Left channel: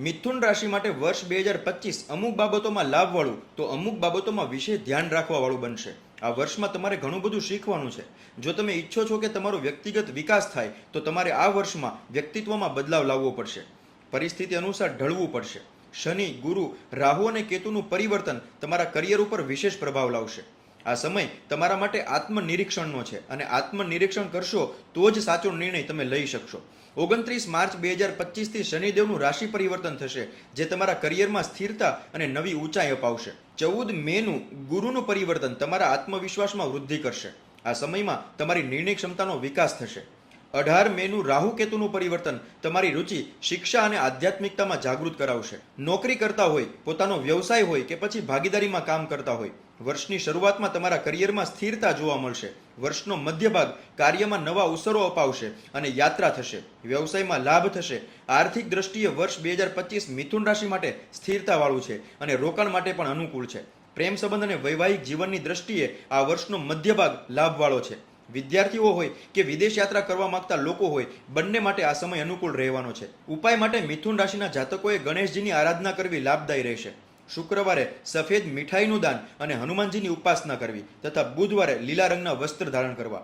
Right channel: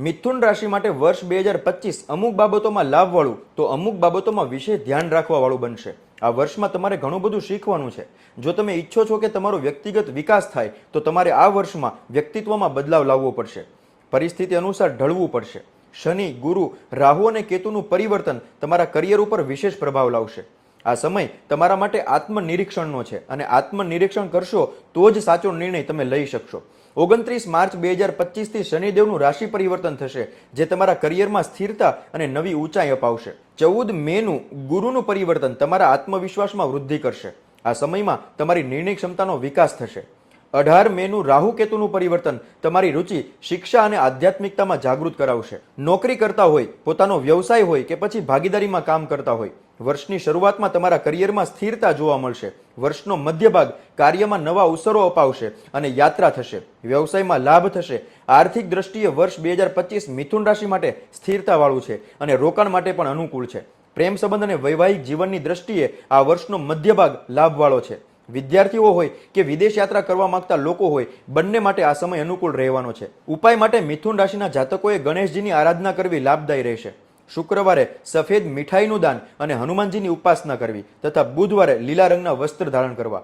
મિથુન રાશિ માટે વર્ષ બે હજાર પચીસ અમુક બાબતોમાં લાભવાળું તો અમુક બાબતોમાં વિશેષ ધ્યાન રાખવાવાળું બનશે. આ વર્ષમાં તમારે ઘણું બધું શીખવાનું છે. જો તમે ઈચ્છો છો કે તમારો વ્યક્તિગત વિકાસ થાય, તો તમારે આ વર્ષમાં વ્યક્તિત્વમાં બદલાવ લાવવો પડશે. પરિસ્થિતિ અનુસાર ઢળવું પડશે. શનિ, ગુરુ, રાહુ અને કેતુનું પરિવર્તન તમારા કરિયર ઉપર વિશેષ પ્રભાવ લાવશે. આ સમય તમારા માટે આત્મનિરીક્ષણનો છે અને આત્મનિરીક્ષણ કરશો તો જ સાચો નિર્ણય તમે લઈ શકશો. ઓગણત્રીસ માર્ચ બે હજાર પચીસથી શનિદેવનું રાશિ પરિવર્તન થશે, જે તમારા કરિયરમાં સ્થિરતા અને નવી ઊંચાઈ અપાવશે. ચૌદ મેનું ગુરુનું પરિવર્તન તમારા આત્મવિશ્વાસમાં વૃદ્ધિ કરશે. આ સમયમાં તમારી નિર્ણય ક્ષમતાનો વિકાસ થશે. અઢાર મેનું રાહુ કેતુનું પરિવર્તન તમારી રુચિ, શિક્ષા અને આધ્યાત્મિકતામાં જાગૃત કરાવશે. નોકરી કરતા હોય, પોતાનો વ્યવસાય હોય કે પછી ભાગીદારીમાં કામ કરતા હોય, વર્ષની શરૂઆતમાં તમારા કરિયરમાં સ્થિરતા જોવા મળશે. વર્ષનો મધ્ય ભાગ કાર્યમાં નવા અવસરો અપાવશે અને યાત્રા થશે. વ્યવસાયમાં લાભ થશે. આર્થિક દ્રષ્ટિએ વર્ષ બે હજાર પચીસ મિથુન રાશિ માટે સ્થિરતાવાળું છે અને રોકાણ માટે પણ અનુકૂળ છે. પ્રેમ સંબંધ અને વૈવાહિક જીવનની દ્રષ્ટિએ આ વર્ષનો મધ્ય ભાગ લાભવાળો છે. વિદ્યાર્થીઓ હોય કે વિદેશ યાત્રા કરવા માંગતા લોકો હોય, બંને માટે આ સમય અનુકૂળ રહેવાનો છે. ઉપાય માટે મિથુન રાશિના જાતકોએ ગણેશજીની આરાધના કરવી લાભદાયી રહેશે. શુક્રવારે સફેદ મીઠાઈનું દાન અને હનુમાનજીની ઉપાસના કરવી તથા બુધવારે લીલા રંગના વસ્ત્ર ધારણ કરવા.